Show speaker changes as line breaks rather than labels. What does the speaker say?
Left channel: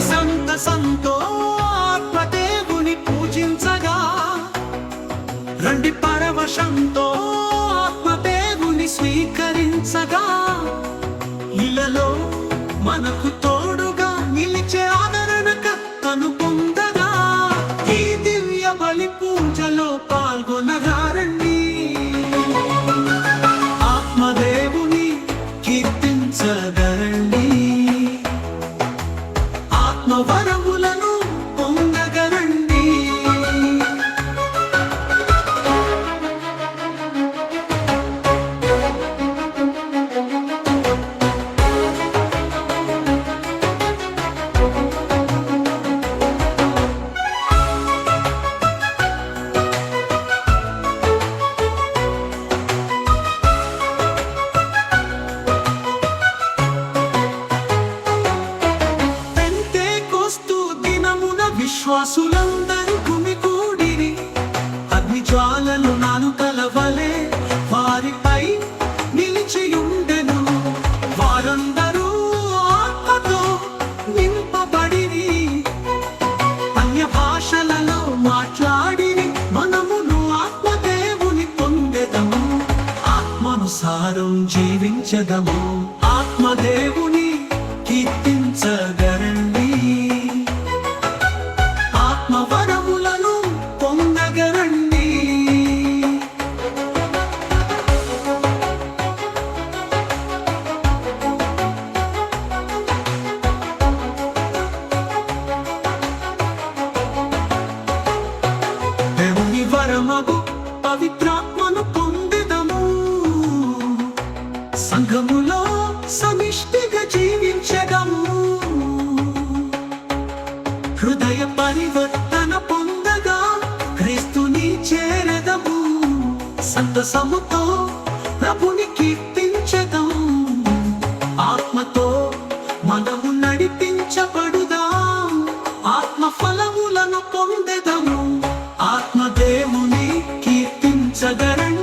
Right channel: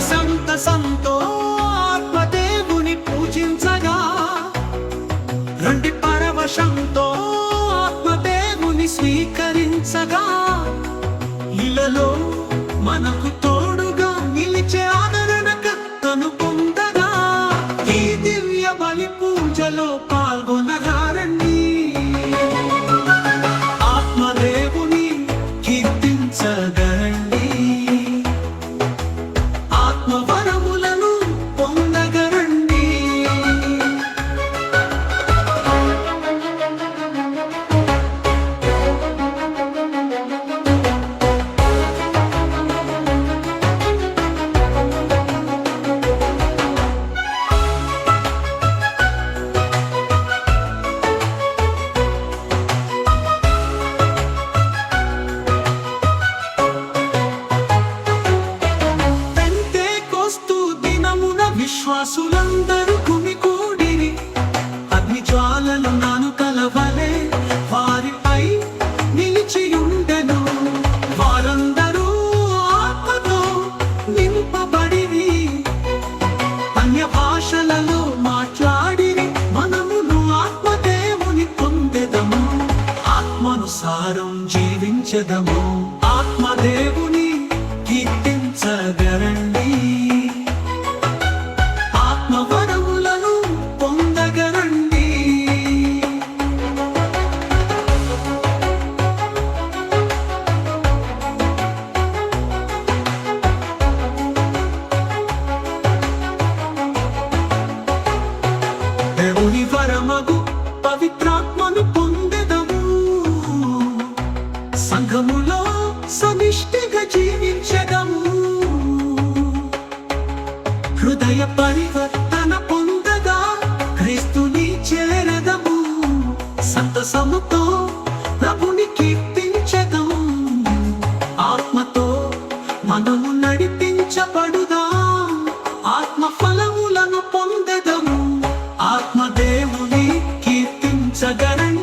సంత సంతో ఆత్మదేవుని పూజించగా. రండి పరవశంతో ఆత్మదేవుని స్వీకరించగా. ఇలలో మనకు తోడుగా నిలిచే ఆదరణ కత్తను పొందగా. ఈ దివ్య బలి పూజలో పాల్గొనగారండి. విశ్వాసులందరూ గుమికూడిరి అగ్ని జ్వాలలు నాను కలవలే. వారిపై నిలిచియుండెను. వారందరూ ఆత్మతో నింపబడిరి. అన్య భాషలలో మాట్లాడిరి. మనమును ఆత్మదేవుని పొందెదము. ఆత్మనుసారం జీవించదము. ఆత్మదేవుని కీర్తించగరండి. దేవుని వరమగు పవిత్రాత్మను పొందెదము. సంఘములో సమిష్టిగా జీవించదము. హృదయ పరివర్తన పొందగా క్రీస్తుని చేరదము. సంతసముతో ప్రభుని కీర్తించదము. ఆత్మతో మనము నడిపించబడు I got need